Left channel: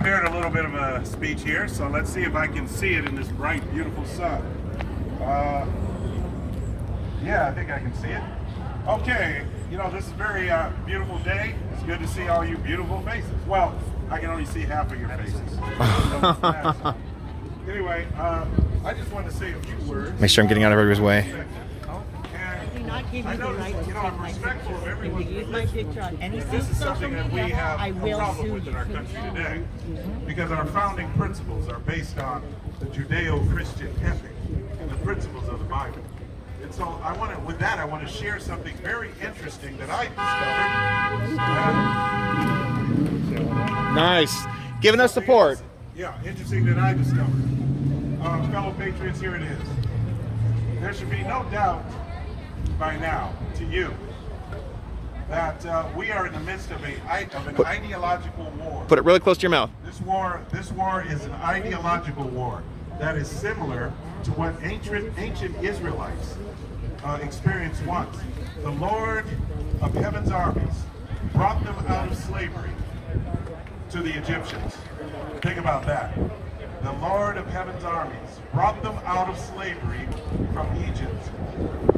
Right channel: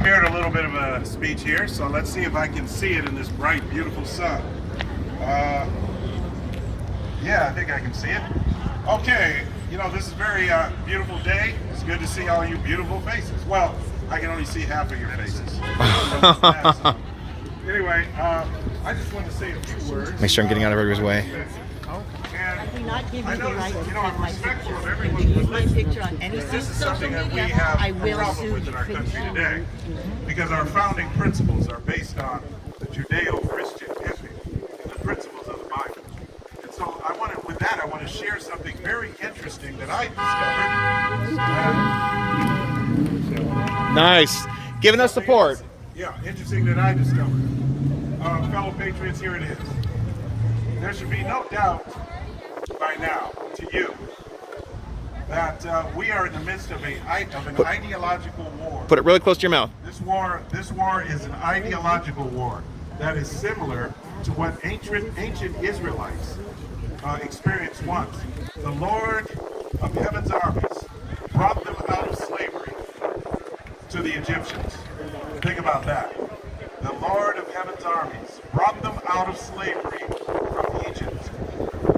prepared a little bit of a speech here, so let's see if I can see it in this bright, beautiful sun. Yeah, I think I can see it. Okay, you know, this is a very beautiful day. It's good to see all you beautiful faces. Well, I can only see half of your faces. Anyway, I just want to say a few words. Make sure I'm getting out of everybody's way. I noticed, you know, I'm respectful of everyone. My picture on any This is something that we have I a will problem sue with in you. our country today, because our founding principles are based on the Judeo-Christian ethic and the principles of the Bible. And so I want to, with that, I want to share something very interesting that I discovered. Nice. Giving us support. Yeah, interesting that I discovered. Fellow patriots, here it is. There should be no doubt by now to you that we are in the midst of an ideological war. Put it really close to your mouth. This war is an ideological war that is similar to what ancient Israelites experienced once. The Lord of heaven's armies brought them out of slavery to the Egyptians. Think about that. The Lord of heaven's armies brought them out of slavery from Egypt.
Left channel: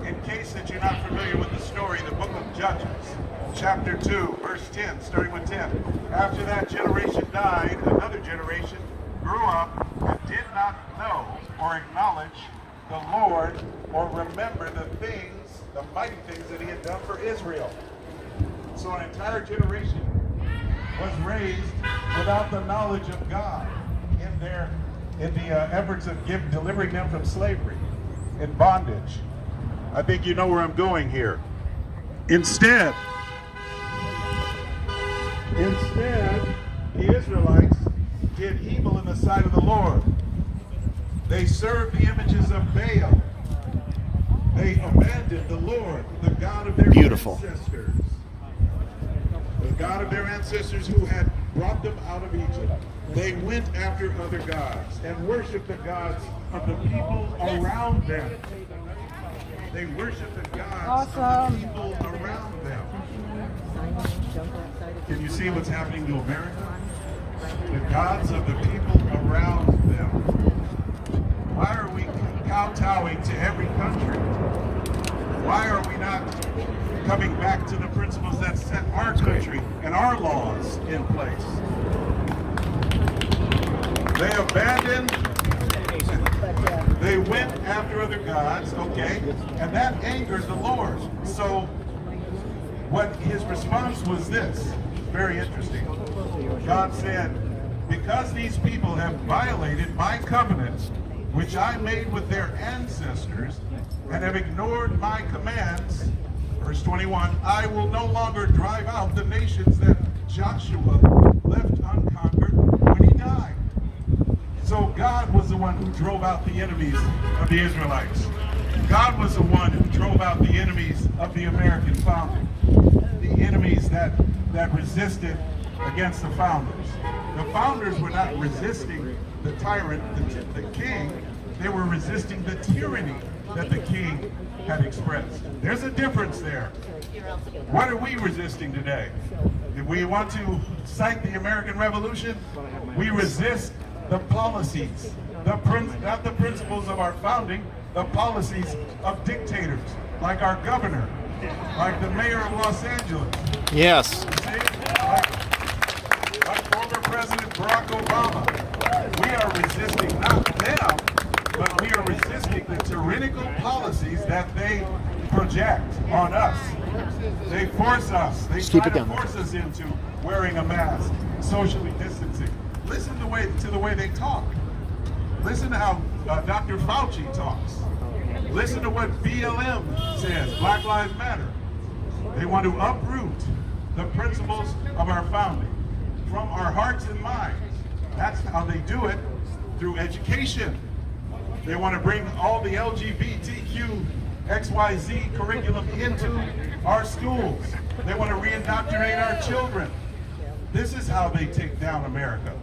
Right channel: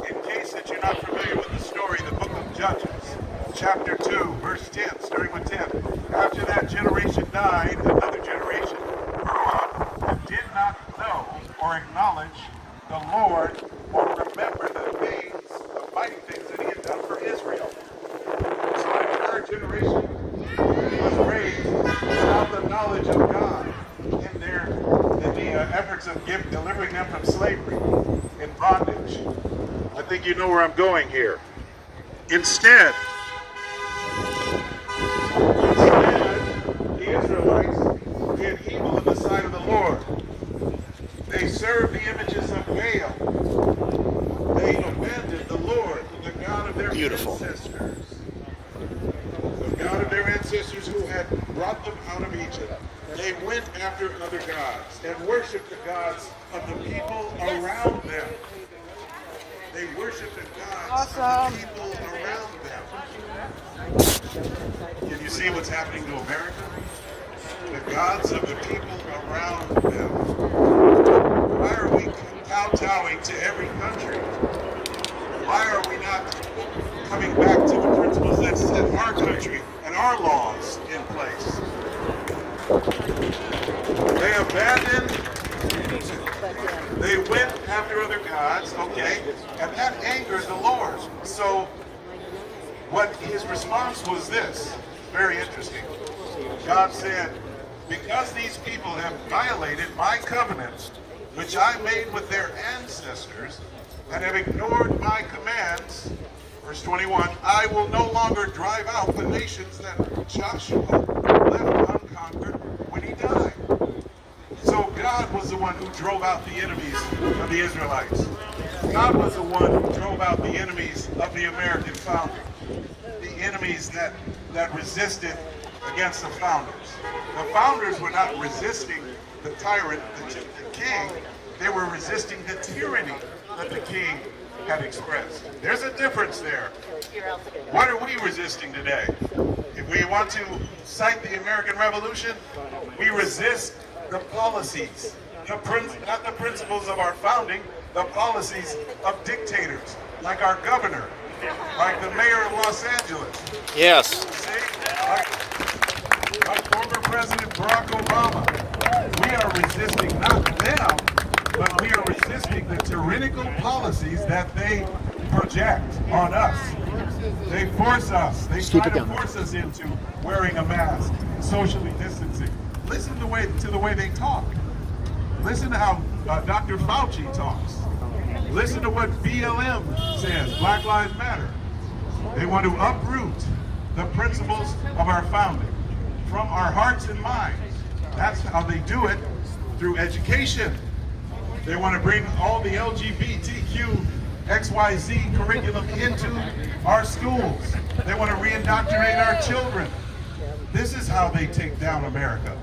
In case that you're not familiar with the story, the book of Judges, chapter 2, verse 10, starting with 10. After that generation died, another generation grew up and did not know or acknowledge the Lord or remember the things, the mighty things that he had done for Israel. So another generation was raised without the knowledge of God in the efforts of delivering them from slavery and bondage. I think you know where I'm going here. Instead, the Israelites did evil in the sight of the Lord. They served the images of Baal. They abandoned the Lord, the God of their ancestors. The God of their ancestors who had brought them out of Egypt. They went after other gods and worshiped the gods of the people around them. They worshiped the gods of the people around them. Can you see what's happening to America? The gods of the people around them. Why are we kowtowing to every country? Why are we not coming back to the principles that set our country and our laws in place? They abandoned, they went after other gods, okay, and that angered the Lord. So what his response was this, very interesting. God said, because these people have violated my covenant, which I made with their ancestors, and have ignored my commands, verse 21, I will no longer drive out the nations that Joshua left unconquered when he died. So God was the one who drove out the enemies of the Israelites. God was the one who drove out the enemies of the American founding. The enemies that resisted against the founders. The founders were not resisting the tyrant, the king. They were resisting the tyranny that the king had expressed. There's a difference there. What are we resisting today? If we want to cite the American Revolution, we resist the policies, not the principles of our founding, the policies of dictators, like our governor, like the mayor of Los Angeles. Yes. See? Like former President Barack Obama. We are resisting not them, but we are resisting the tyrannical policies that they project on us. They force us. They try to force us into wearing a mask, socially distancing. Listen to the way they talk. Listen to how Dr. Fauci talks. Listen to what BLM says, Black Lives Matter. They want to uproot the principles of our founding from our hearts and minds. That's how they do it, through education. They want to bring all the LGBTQ XYZ curriculum into our schools. They want to re-indoctrinate our children. This is how they take down America.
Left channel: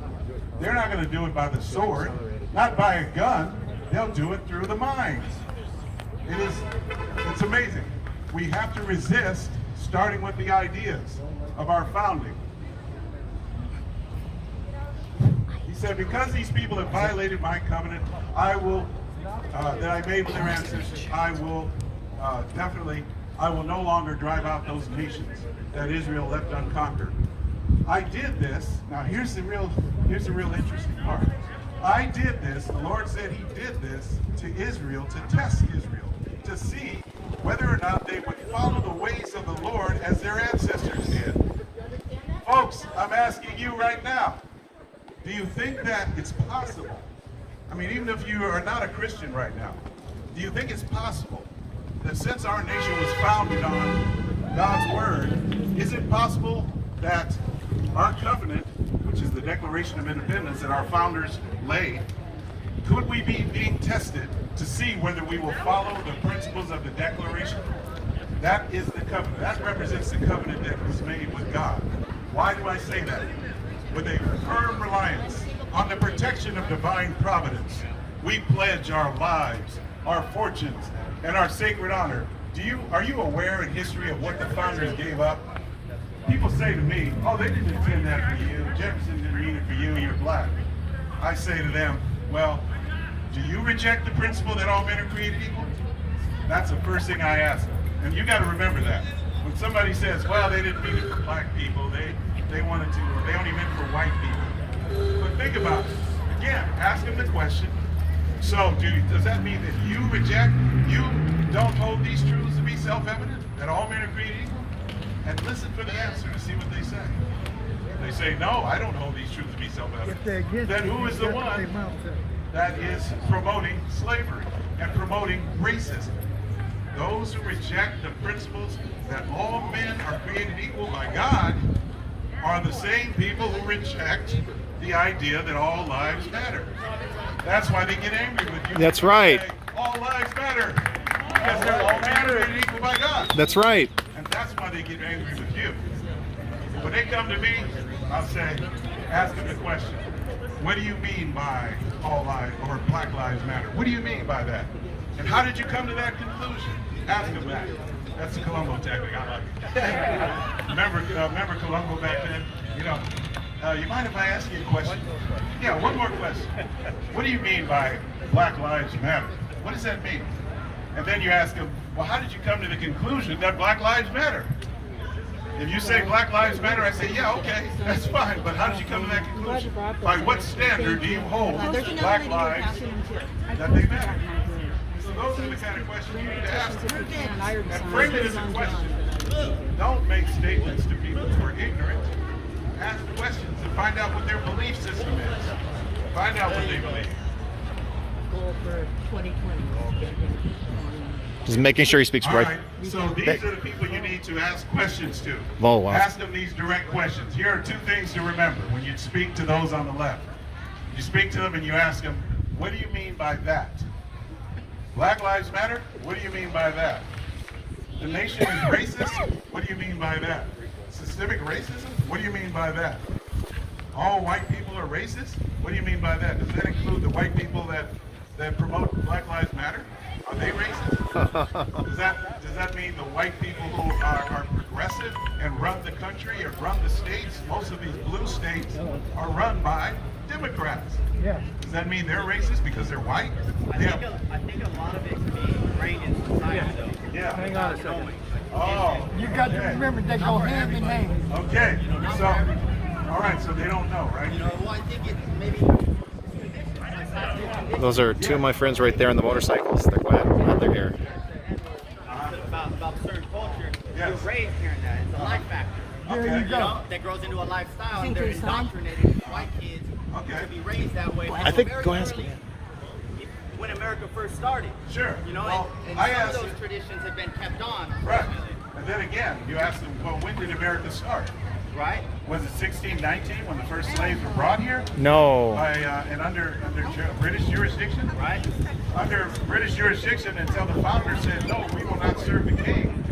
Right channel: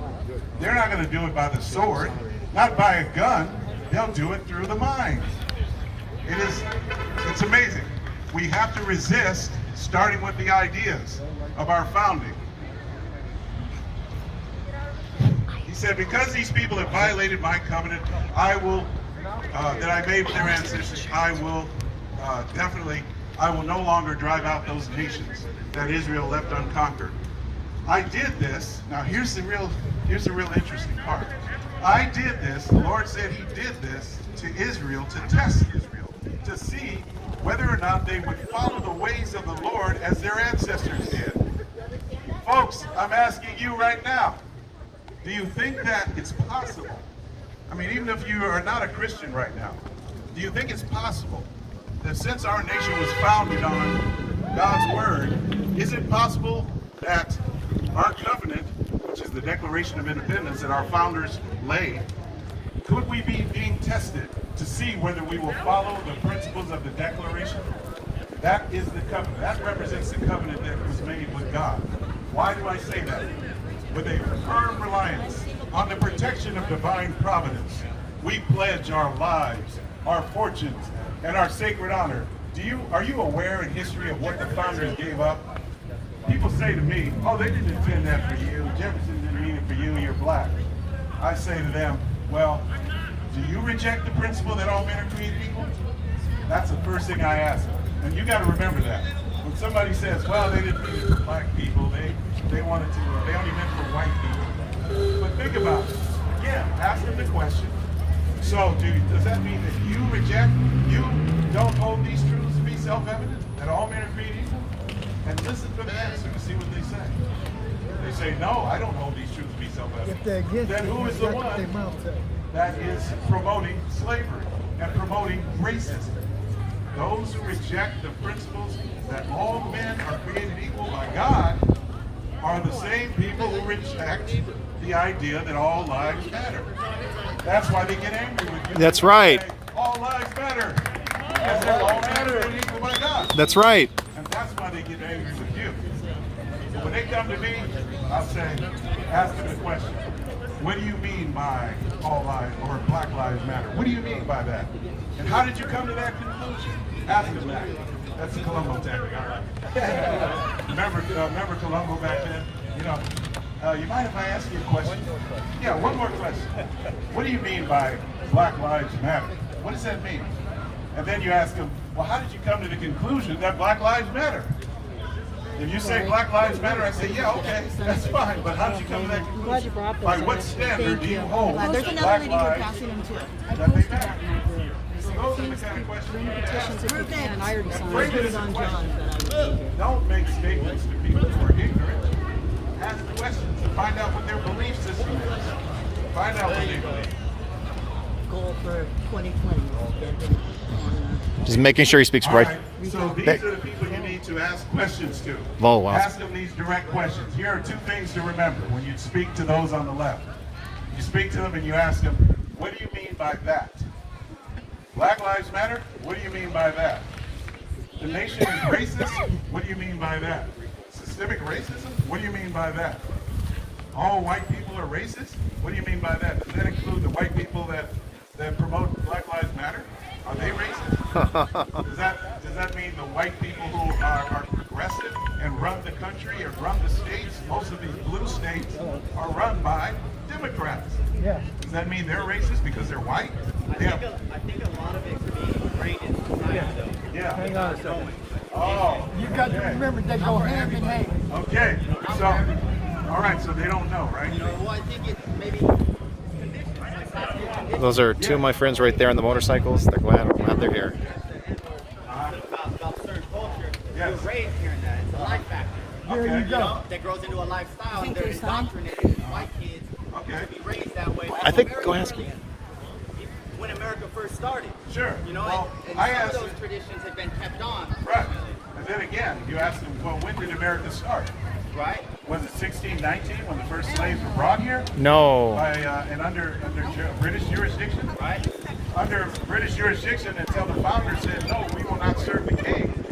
They're not going to do it by the sword, not by a gun. They'll do it through the mind. It's amazing. We have to resist, starting with the ideas of our founding. said, because these people have violated my covenant, I will, that I made with their ancestors, I will I will no longer drive out those nations that Israel left unconquered. I did this. Now here's the real interesting part. I did this, the Lord said he did this to Israel, to test Israel, to see whether or not they would follow the ways of the Lord as their ancestors did. Folks, I'm asking you right now, do you think that it's possible? I mean, even if you are not a Christian right now, do you think it's possible that since our nation was founded on God's word, is it possible that our covenant, which is the Declaration of Independence that our founders laid, could we be being tested to see whether we will follow the principles of the Declaration? That is the covenant. That represents the covenant that was made with God. Why do I say that? With a firm reliance on the protection of divine providence, we pledge our lives, our fortunes, and our sacred honor. Are you aware in history of what the founders gave up? People say to me, oh, they didn't intend that for you. Jefferson didn't mean it for you, you're black. I say to them, well, do you reject the principle that all men are created equal? That's the first thing I ask them. And you got to remember that. When somebody says, well, they didn't mean it for black people, they only meant for white people. But think about it. Again, ask them the question. So, does that mean that you don't hold these truths to be self-evident, that all men are created equal? And listen for the answer and see what they say. They say, no, I don't hold these truths to be self-evident. Then who is the one that is promoting slavery and promoting racism? Those who reject the principles that all men are created equal by God are the same people who reject the idea that all lives matter. That's why they get angry with you. That's right. Say, all lives matter because they're all men created equal by God. That's right. And that's why they get angry with you. But when they come to me, I'll say, ask them the question. What do you mean by all lives or Black Lives Matter? What do you mean by that? And how did you come to that conclusion? Ask them that. That's the Columbo tactic. I like it. remember Columbo back then? You mind if I ask you a question? Yeah, one more question. What do you mean by Black Lives Matter? What does that mean? And then you ask them, well, how did you come to the conclusion that Black Lives Matter? If you say Black Lives Matter, I say, yeah, okay, that's fine. But how did you come to that conclusion? By what standard do you hold Black lives that they matter? So those are the kind of questions you need to ask. And frame it as a question. Don't make statements to people who are ignorant. Ask questions and find out what their belief system is. Find out what they believe. Goal for 2020. Just making sure he speaks right. Right. So these are the people you need to ask questions to. Oh, wow. Ask them these direct questions. Here are two things to remember when you speak to those on the left. You speak to them and you ask them, what do you mean by that? Black Lives Matter? What do you mean by that? The nation is racist? What do you mean by that? Systemic racism? What do you mean by that? All white people are racist? What do you mean by that? Does that include the white people that promote Black Lives Matter? Are they racist? Does that mean the white people who are progressive and run the country and run the states? Most of these blue states are run by Democrats. Yeah. Does that mean they're racist because they're white? Yeah. I think a lot of it could be great in society. Yeah. Hang on a second. Oh. You got to remember they go hand in hand. Okay. So, all right. So they don't know, right? Well, I think it maybe. Those are two of my friends right there on the motorcycles. They're glad they're here. About certain culture, Yes. you're raised hearing that. It's a life factor. There Okay. you go. That grows into a lifestyle, and they're indoctrinated. White kids Okay. to be raised that way. I think, go ahead. When America first started. Sure. Well, and I some of asked those traditions have been kept on. Right. And then again, you ask them, well, when did America start? Right? Was it 1619 when the first slaves were brought here? No. By and under British jurisdiction? Right? Under British jurisdiction until the founders said, no, we will not serve the king.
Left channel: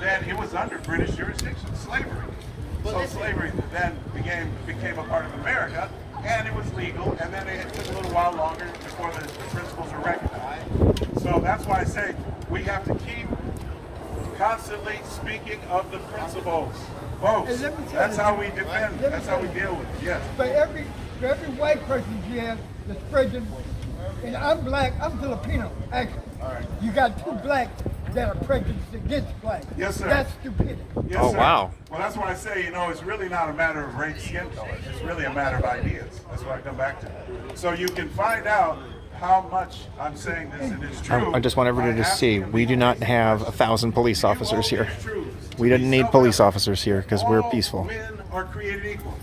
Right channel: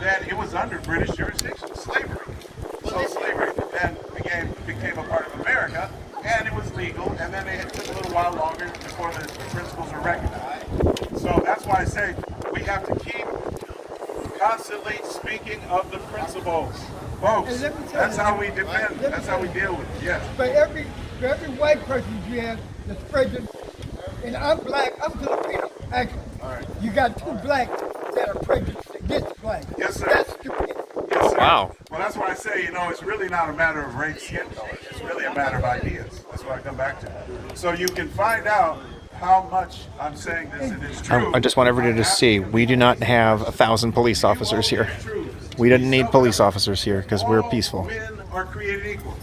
Then it was under British jurisdiction, slavery. So slavery then became a part of America, and it was legal, and then it took a little while longer before the principles were recognized. So that's why I say we have to keep constantly speaking of the principles. Folks, Hey, let me tell that's you. how we defend, that's how we deal with it. Yes. But For every white person you have that's prejudice, and I'm black, I'm Filipino, actually. You got 2 blacks that are prejudiced against blacks. Yes, sir. That's stupid. Yes, Oh, sir. wow. Well, that's why I say, you know, it's really not a matter of race, skin color. It's really a matter of ideas. That's what I come back to. So you can find out how much I'm saying this and it's true. I just want everybody to see, we do not have 1,000 police officers here. We didn't need police officers here because we're peaceful. All men are created equal.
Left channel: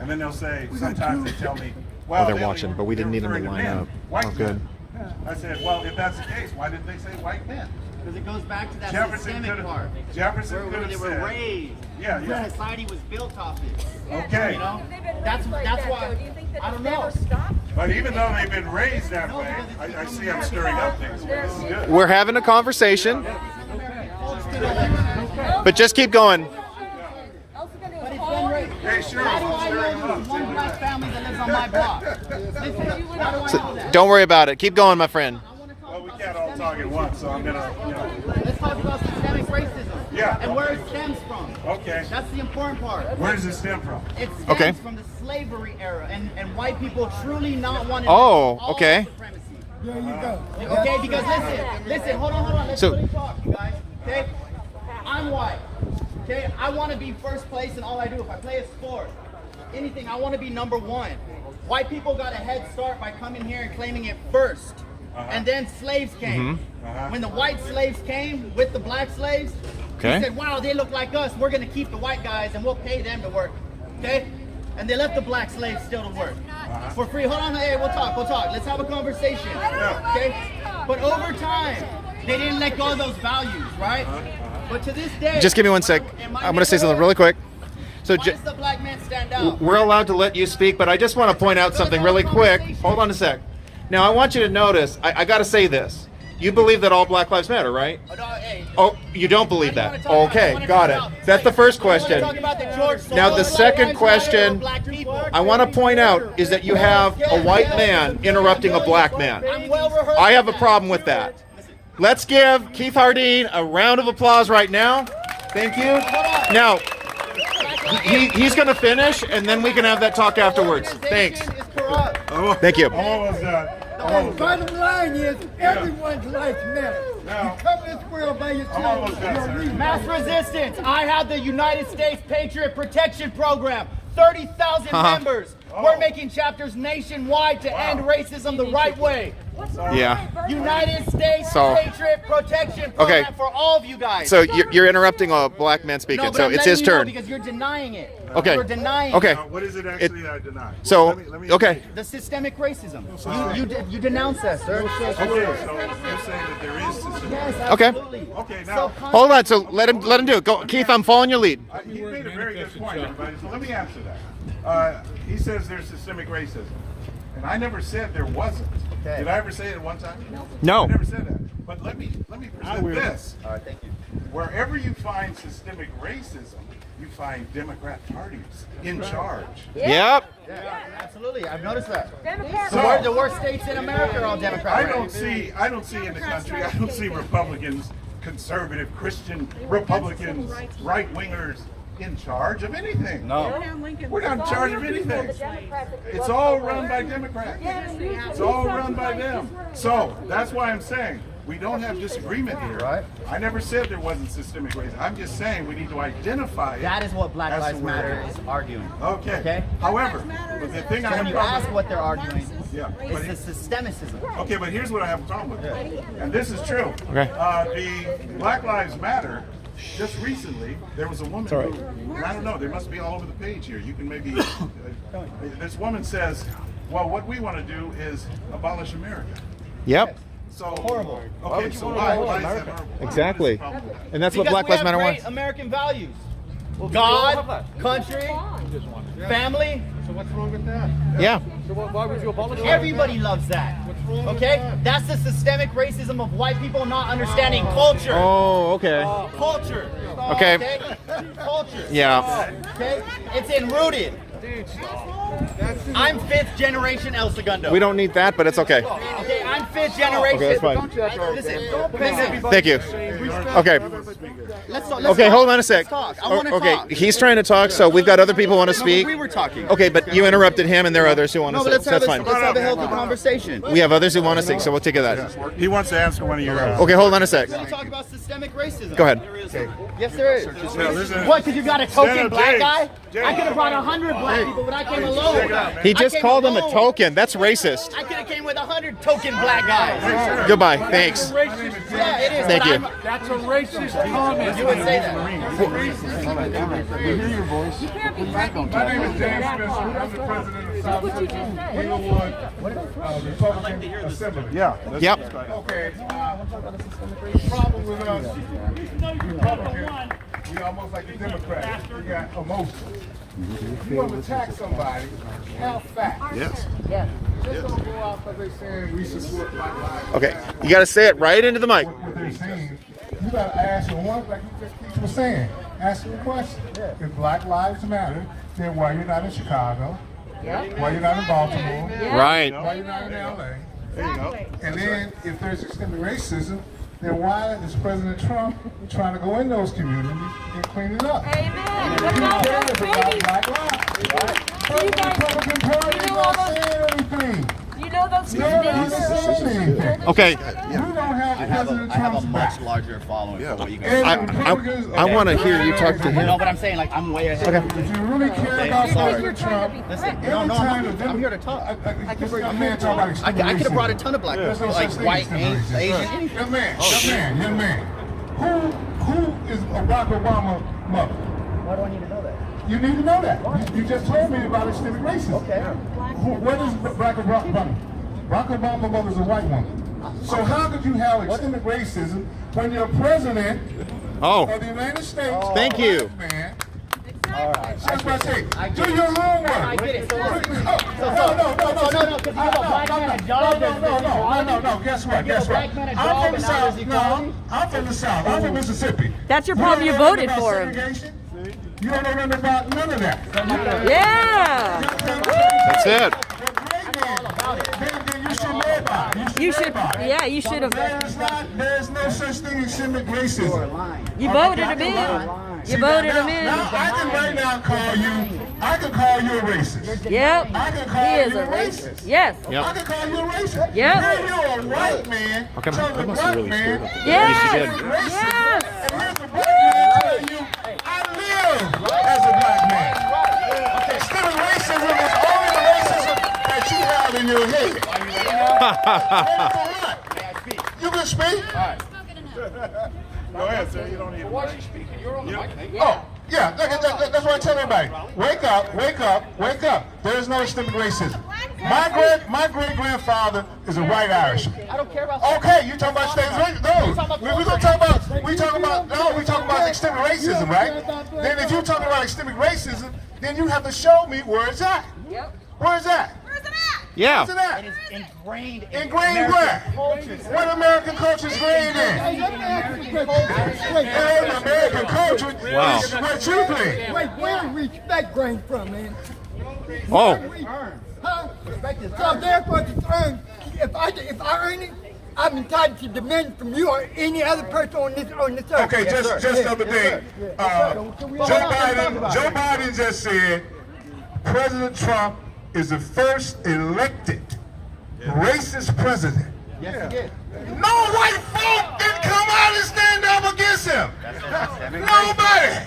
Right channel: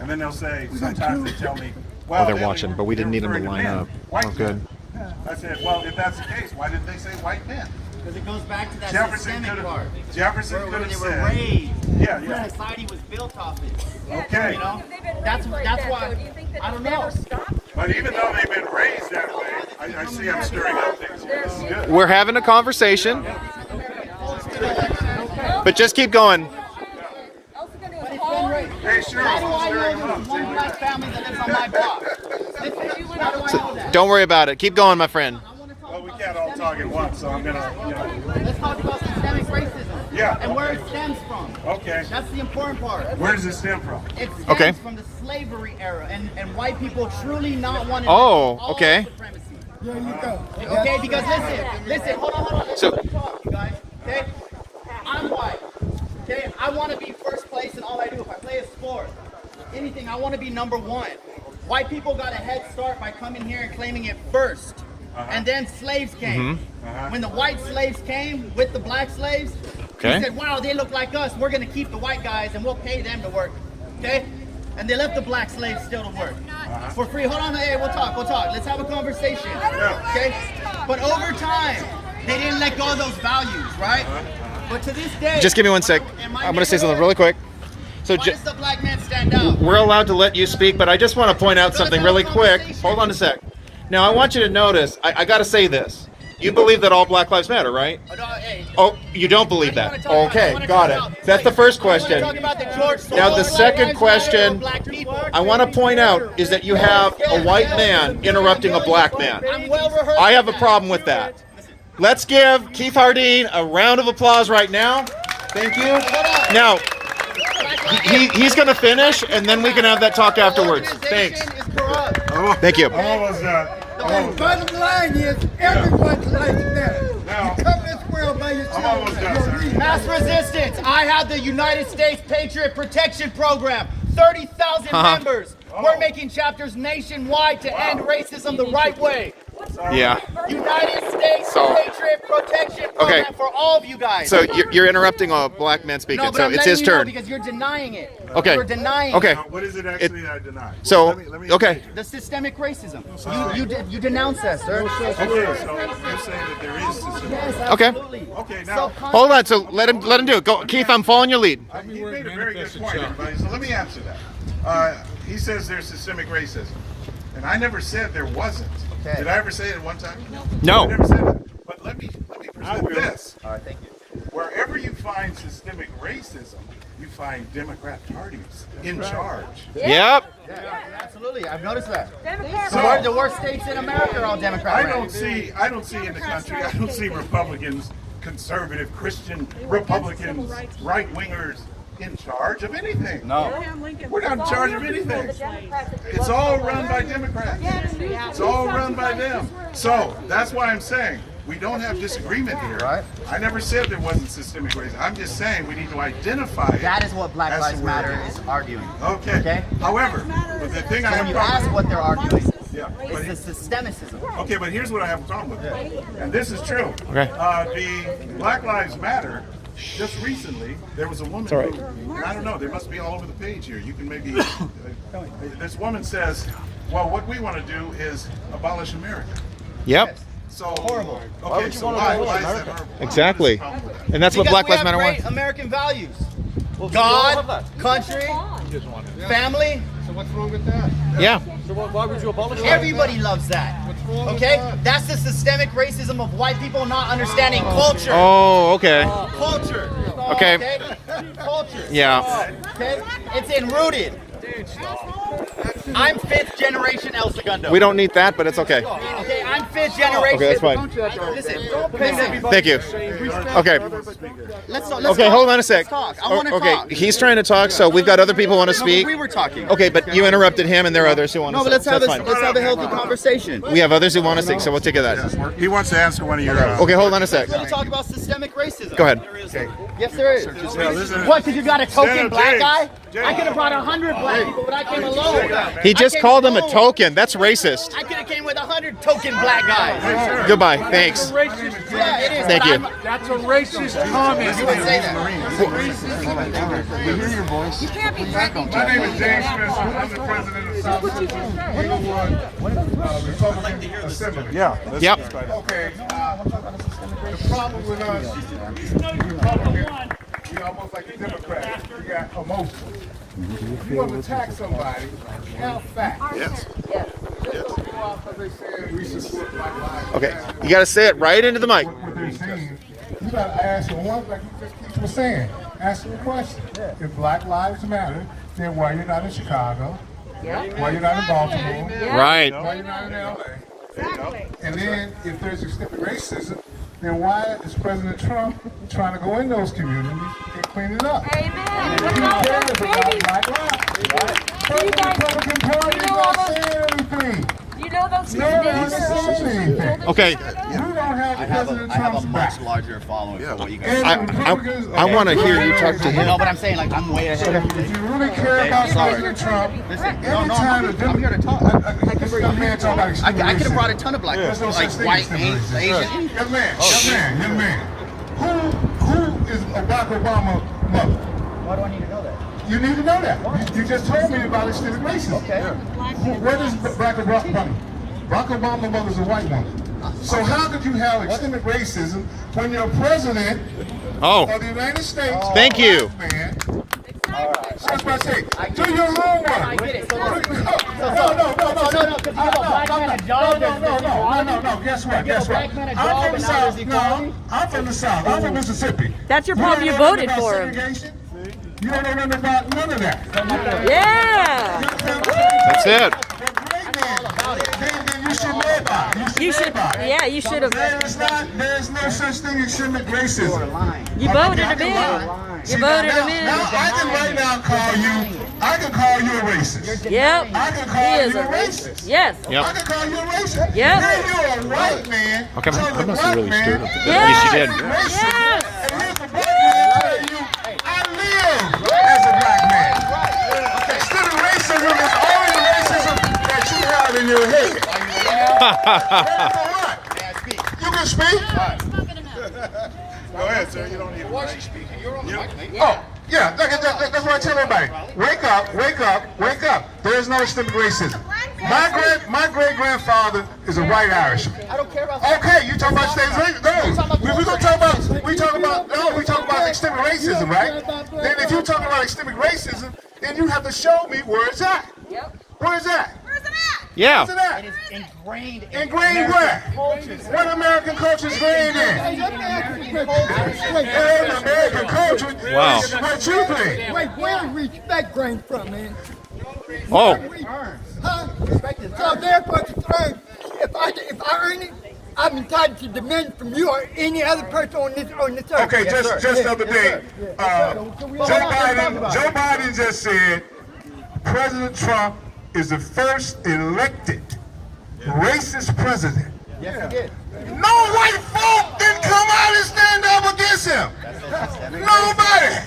And then they'll say, sometimes they tell me, well, Oh, they're they watching, only- but we didn't they're need them to referring line men, up. white Oh, good. men. I said, well, if that's the case, why didn't they say white men? Because it goes back to that Jefferson systemic could part. have. Jefferson Where could have they were said. raised. Yeah, The yeah. society was built off it. Okay. You know? They've been That's raised like that's that, why. though. Do you think that I it's don't never know. stopped? But even though they've been raised that way, I see I'm stirring up things. This is good. We're having a conversation, but just keep going. Also gonna But it's call been raised. Hey, sure. How do I know there's one black family that lives on my block? Listen, how do I know that? Don't worry about it. Keep going, my friend. Well, we can't all talk at once, so I'm gonna, Let's talk about systemic racism. Yeah, And where okay. it stems from. Okay. That's the important part. Where does it stem from? It stems Okay. from the slavery era and white people truly not wanting Oh, all okay. supremacy. There you go. Okay, because listen, hold on. Let's So- talk, you guys. Okay? I'm white. Okay, I want to be first place in all I do. If I play a sport, anything, I want to be number 1. White people got a head start by coming here and claiming it first. And then slaves came. When the white slaves came with the black slaves, Okay. he said, wow, they look like us. We're going to keep the white guys and we'll pay them to work. Okay? And they left the black slaves still to work. For free. Hold on, hey, we'll talk. Let's have a conversation. Okay? But over time, they didn't let go of those values, right? But to this day, Just give me one sec. I'm going to say something really quick. So why does the black man stand out? we're allowed to let you speak, but I just want to point out something really quick. Hold on a sec. Now, I want you to notice, I got to say this. You believe that all Black Lives Matter, right? Hey, Oh, you don't believe that? Okay, got it. That's the first question. Talk about the George Now, the Soros second Lives question Matter black people. I want to point out is that you have a white man interrupting a black man. I'm well rehearsed. I have a problem with that. Let's give Keith Hardine a round of applause right now. Thank you. Now, he's going to finish, and then we can have that talk afterwards. Thanks. Thank you. I'm almost done. I'm And almost done. bottom line is, everyone's life matters. Now- You come this world by yourself. I'm almost done, you'll sir. leave. Mass resistance. I have the United States Patriot Protection Program. 30,000 members. We're making chapters nationwide to end racism the right way. Yeah. United States So- Patriot Protection Program Okay. for all of you guys. So you're interrupting a black man no, speaking, but so I'm it's letting his you know turn. because you're denying it. Okay. You're denying Okay. it. What is it actually that I deny? So, Let me okay. The systemic racism. You denounce that, sir. Okay, so you're saying that there is systemic. Yes, Okay. absolutely. Okay, now- Hold on. So let him do it. Go, Keith. I'm following your lead. He made a very good point, everybody. So let me answer that. He says there's systemic racism, and I never said there wasn't. Okay. Did I ever say it one time? No. I never said that. But let me present this. All right, thank you. Wherever you find systemic racism, you find Democrat parties in charge. Yep. Yeah, absolutely. I've noticed that. Democrats. So- The worst states in America are all Democratic. I don't see in the country, I don't see Republicans, conservative, Christian Republicans, right wingers in charge of anything. No. We're not in charge of anything. It's all run by Democrats. It's all run by them. So that's why I'm saying we don't have disagreement here. Right. I never said there wasn't systemic racism. I'm just saying we need to identify it. That is what Black as to Lives where it Matter is. is arguing. Okay. Okay? However, but the thing I So have when you problem ask what they're arguing, yeah, but it's the systemicism. okay, but here's what I have a problem with, and this is true. Okay. The Black Lives Matter. Just recently, there was a woman who, and I don't know, they must be all over the page here. You can maybe. This woman says, "Well, what we want to do is abolish America." Yep. So Horrible. Okay, so why is that horrible? Exactly. What is the problem with that? And that's what Because Black we Lives have Matter great wants. American values. God, country, family. Yeah. Everybody loves that. Okay? That's the systemic racism of white people not understanding culture. Oh, okay. Culture. Okay. Culture. Yeah. Okay? It's enrooted. I'm 5th generation El Segundo. We don't need that, but it's okay. Okay, I'm fifth generation. Okay, that's fine. Listen. Thank you. Okay. Let's Okay, hold on a sec. talk. I wanna Okay, talk. he's trying to talk, so we've got other people want to speak. We were talking. Okay, but you interrupted him, and there are others who want to No, but speak. That's fine. let's have a healthy conversation. We have others who want to speak, so we'll take it as that. He wants to answer one of your. Okay, hold on a sec. We're gonna talk about systemic racism. Go ahead. Yes, there is. What? Because you got a token black guy? I could have brought 100 black people, but I came alone. He just called him a token. That's racist. I could have came with 100 token black guys. Goodbye. Thanks. Yeah, it is. Thank you. That's a racist comment. You would say that. You can't be My name is James Spencer. I'm the president of South Central Inglewood Republican Assembly. Yeah. Yep. Okay. The problem with us, Republicans, we almost like the Democrats. We got emotion. If you want to attack somebody, have facts. Yes. Just don't go off of they saying we support Black Lives Matter. Okay, you got to say it right into the mic. What they're saying, you got to ask them one, like you just was saying. Ask them a question. If Black Lives Matter, then why you're not in Chicago? Why you're not in Baltimore? Right. Why you're not in LA? And then, if there's systemic racism, then why is President Trump trying to go in those communities and clean it up? Amen. He cares about Black lives. But the Republican Party is not saying anything. You know those No, they're not saying anything. Okay, You don't have President Trump's back. larger following for what you guys I want to hear you talk to him. No, but I'm saying, like, I'm way ahead of you. If you really care about President Trump, every time the I'm here to talk. this young man talk about I extreme could have brought a racism. ton of black There's people, no such like thing as white, extreme Asian, racism. Young man. Who is Barack Obama's mother? Why do I need to know that? You need to know that. You just told me about extreme racism. Okay. Where does Barack Obama? Barack Obama's mother is a white woman. So how could you have extreme racism when you're president Oh, of the United States? Thank you. Black man? That's what I say. Do your homework. I get it. So No. because you give a black man a job, No. Guess what? give a black man a job I'm from the and now South. there's equality? I'm from the South. I'm from Mississippi. That's your You problem. You don't know voted nothing for about him. segregation? You don't know nothing about none of that. Yeah. that's it. Then you should know about it. You should. Yeah, you should have. There's no such thing as systemic racism. You voted him in. You voted him in. Now I can right now call you. I can call you a racist. Yep. I can He call is you a a racist. racist. Yes. Yep. I can call you a racist. Yeah. Then you're a white man. Okay, telling I a must black have really man. stirred up the- Yes. At least you did. Racist. Yes. And here's the black man telling you, I live as a black man. Systemic racism is only the racism that you have in your head. You can speak. Go ahead, sir. You don't need to. Why is he speaking? You're on the mic, mate. Oh, yeah. That's what I tell everybody. Wake up. There is no systemic racism. My great grandfather is a white Irishman. I don't care about Okay, you talk about state racism. We talk about systemic racism, right? Then if you talk about systemic racism, then you have to show me where it's at. Where is that? Yeah. Where's it at? It is ingrained in Ingrained American where? culture. What American culture is ingrained in? American culture. Wow. Is what you think. Wait, where respect grain from, man? Oh, Huh? So therefore, it's earned. If I earn it, I'm entitled to demand from you or any other person on this earth. Okay, just the other day, Joe Biden just said President Trump is the first elected racist president. Yes, he did. No white folk can come out and stand up against him. Nobody.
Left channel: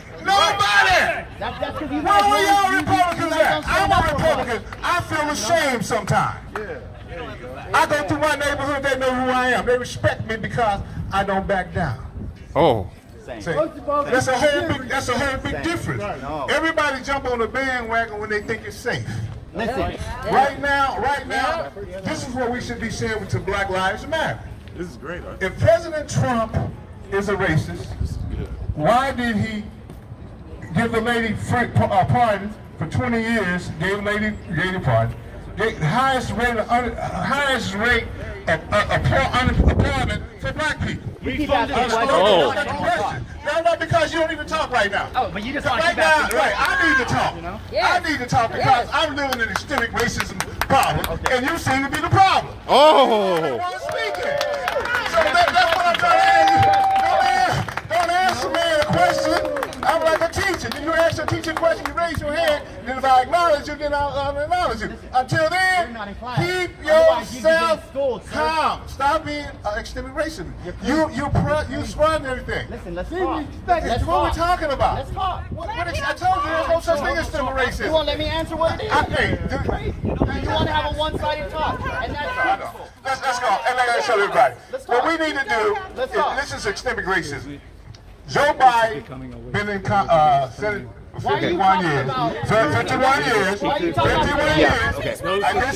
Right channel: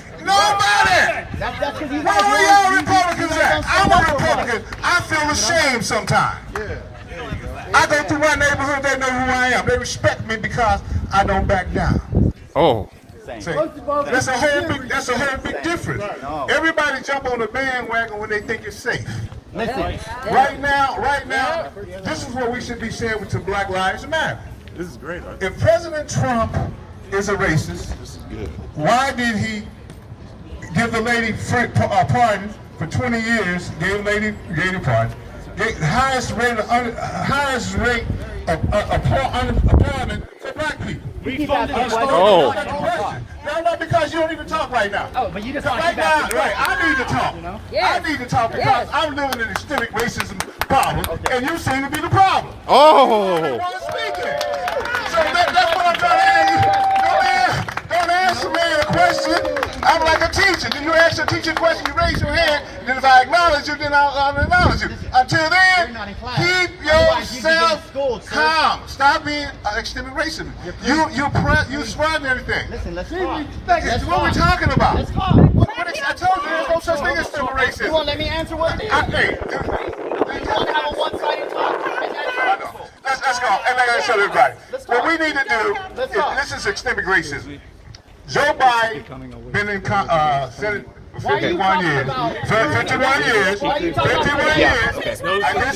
That's because you Where were y'all Republicans at? I'm a Republican. I feel ashamed sometimes. I go through my neighborhood, they know who I am. They respect me because I don't back down. oh. See, that's a whole big difference. Everybody jump on the bandwagon when they think it's safe. Listen, Right now, this is what we should be saying to Black Lives Matter. This is great. If President Trump is a racist, why did he give the lady pardon for 20 years? Gave the pardon. Highest rate of unemployment for black people. you keep asking questions. Oh. No, because you don't even talk right now. Oh, but you just want to Right keep now, asking questions. I need to talk. Yes. I need to talk because Yes. I'm living in systemic racism problem, and you seem to be the problem. Oh. Everyone's speaking. So that's what I'm trying to ask you. Don't answer me a question. I'm like a teacher. Then you ask your teacher a question, you raise your hand, then if I acknowledge you, then I'll acknowledge you. Until then, keep yourself calm. Stop being extreme racism. You spread everything. Listen, let's talk. That's what we're talking about. Let's talk. I told you there's no such thing as extreme racism. You won't let me answer what it is. Hey, You want to have a one-sided talk. let's go. And like I said, everybody, what we need to do is, this is systemic racism. Joe Biden been in Senate for 51 years. For 51 years. 51 years. This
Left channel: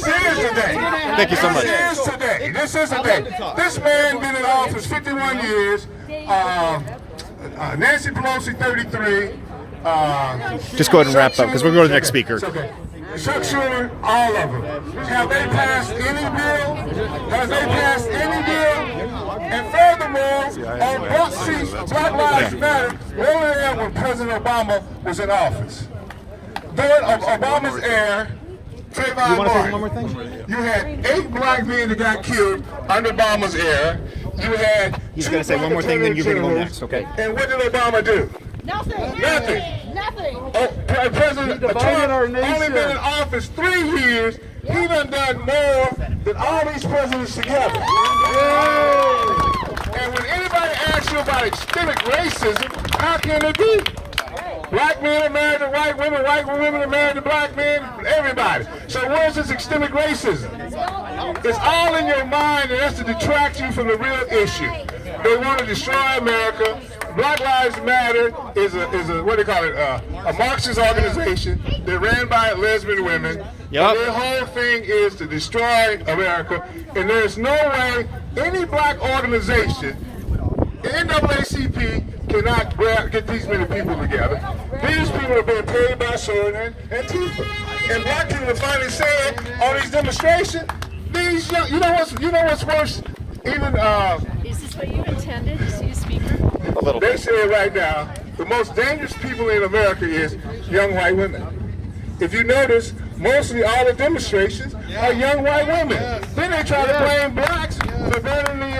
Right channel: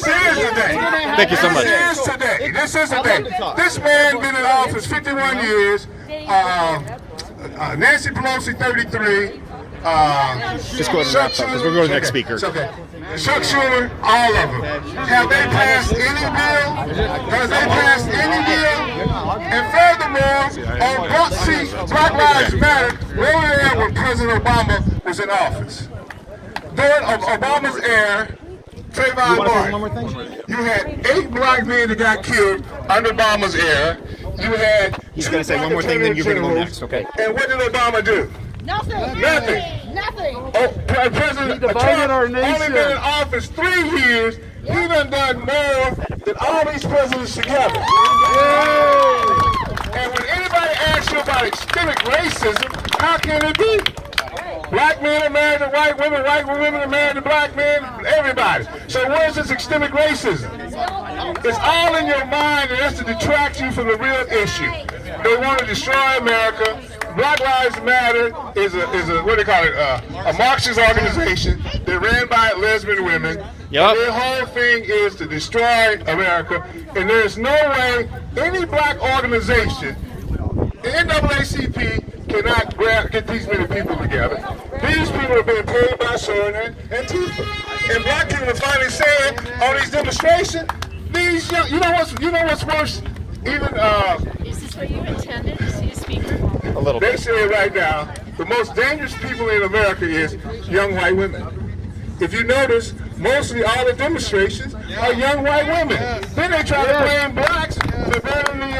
is today. Thank you so much. This is today. This is today. This man been in office 51 years. Nancy Pelosi 33. Just go ahead and wrap up because we're going to the next speaker. It's okay. Chuck Schumer, all of them. Have they passed any bill? Has they passed any bill? And furthermore, on Black Lives Matter, where were they at when President Obama was in office? During Obama's era, Trayvon Martin, you had 8 black men that got killed under Obama's era. You had He's going to say one more thing, then you're going to go next, okay? And what did Obama do? Nothing. Nothing. Nothing. Oh, President Trump only been in office 3 years. He done more than all these presidents together. And when anybody asks you about systemic racism, how can it be? Black men are married to white women are married to black men, everybody. So where's the systemic racism? It's all in your mind, and that's to detract you from the real issue. They want to destroy America. Black Lives Matter is a what do you call it? A Marxist organization. They're ran by lesbian women. Yep. Their whole thing is to destroy America, and there's no way any black organization, the NAACP, cannot get these many people together. These people are being paid by Sojourner and Tifa. And black people are finally saying on these demonstrations, these young, you know what's worse? Even Is this what you intended to see, Speaker? A little they're bit. saying right now, the most dangerous people in America is young white women. If you notice, mostly all the demonstrations are young white women. Then they try to blame blacks for burning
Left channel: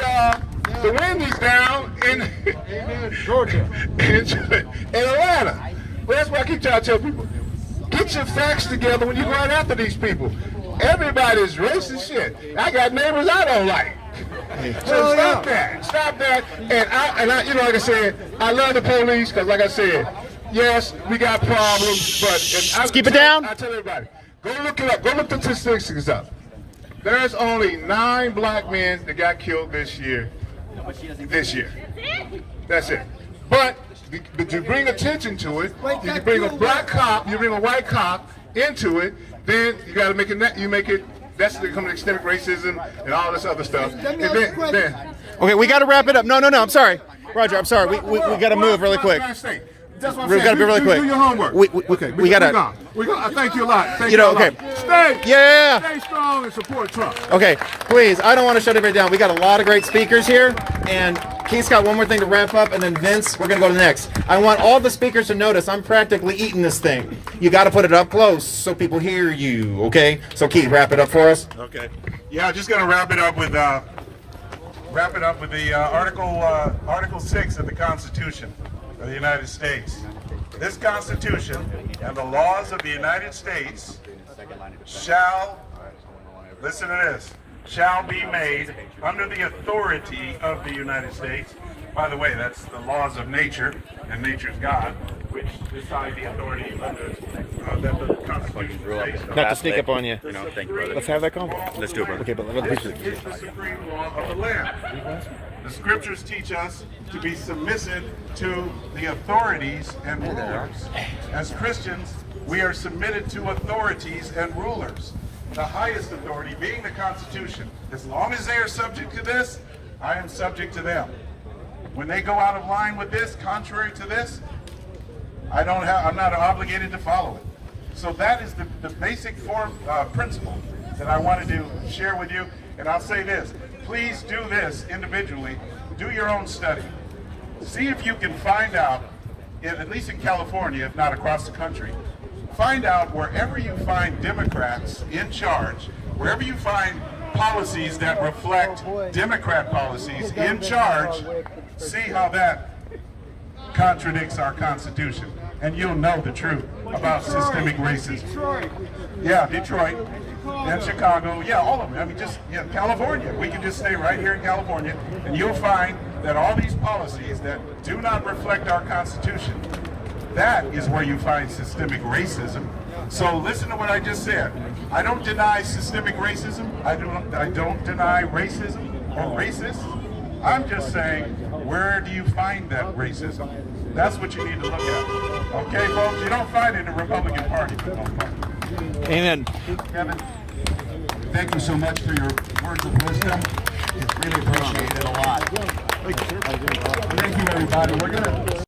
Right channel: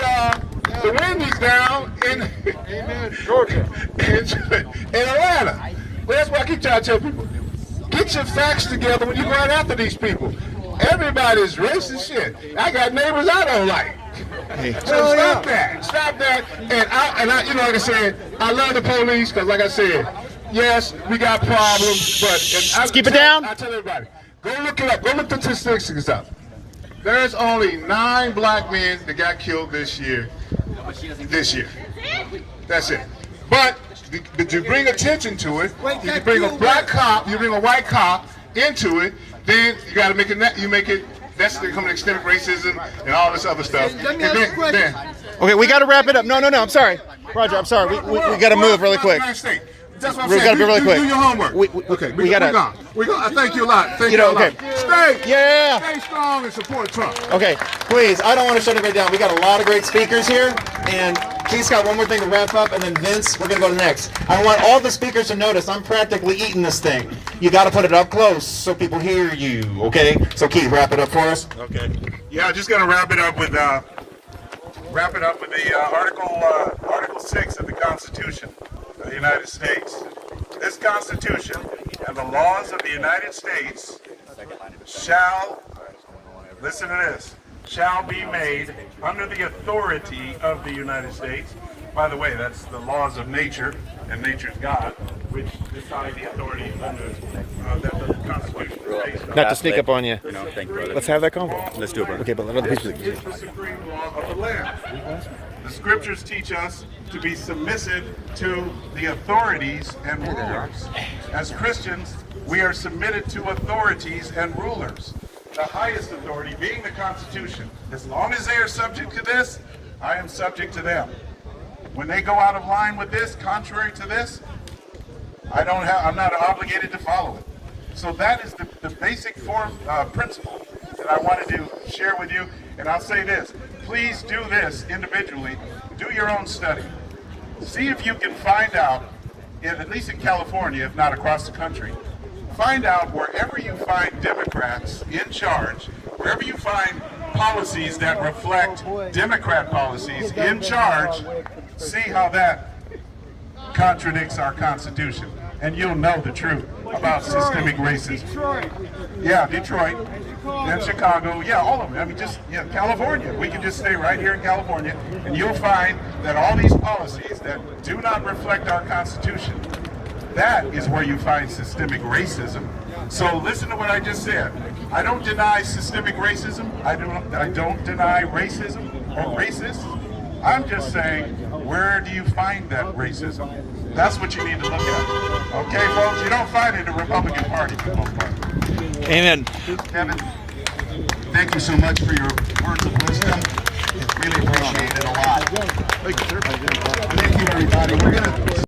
the Wendy's down in Georgia, in Atlanta. Well, that's why I keep trying to tell people, get your facts together when you're going after these people. Everybody's racist shit. I got neighbors I don't like. So stop that. And I, you know, like I said, I love the police because, like I said, yes, we got problems, but Keep it down. I tell everybody, go look it up. Go look the statistics up. There's only 9 black men that got killed this year. That's it. But you bring attention to it. You bring a black cop, you bring a white cop into it. Then you got to make it. That's becoming extremic racism and all this other stuff. And then, Okay, we got to wrap it up. No, I'm sorry. Roger, I'm sorry. We got to move really quick. That's what I'm We've saying. got to be really quick. Do your homework. We got to. We got. Thank you a lot. Thank You know, you a lot. okay. Stay strong and support Trump. Okay, please. I don't want to shut everybody down. We got a lot of great speakers here, and Keith's got one more thing to wrap up, and then Vince, we're gonna go to the next. I want all the speakers to notice I'm practically eating this thing. You got to put it up close so people hear you. Okay. So Keith, wrap it up for us. Okay. Yeah, I'm just gonna wrap it up with the Article 6 of the Constitution of the United States. This Constitution and the laws of the United States shall, listen to this, shall be made under the authority of the United States. By the way, that's the laws of nature, and nature's God, which decide the authority under that the Constitution is based on. Not to sneak up on you. Thank you, brother. Let's have that convo. Let's do it, brother. Okay, but This is the supreme law of the land. The scriptures teach us to be submissive to the authorities and rulers. As Christians, we are submitted to authorities and rulers. The highest authority being the Constitution. As long as they are subject to this, I am subject to them. When they go out of line with this, contrary to this, I'm not obligated to follow it. So that is the basic principle that I wanted to share with you. And I'll say this, please do this individually. Do your own study. See if you can find out, at least in California, if not across the country, find out wherever you find Democrats in charge, wherever you find policies that reflect Democrat policies in charge, see how that contradicts our Constitution. And you'll know the truth about systemic racism. Yeah, Detroit and Chicago, yeah, all of them. I mean, just, yeah, California. We can just stay right here in California, and you'll find that all these policies that do not reflect our Constitution, that is where you find systemic racism. So listen to what I just said. I don't deny systemic racism. I don't deny racism or racists. I'm just saying, where do you find that racism? That's what you need to look at. Okay, folks, you don't find it in the Republican Party for the most part. Amen. Kevin, thank you so much for your words of wisdom. It's really appreciated a lot. Thank you, everybody. We're gonna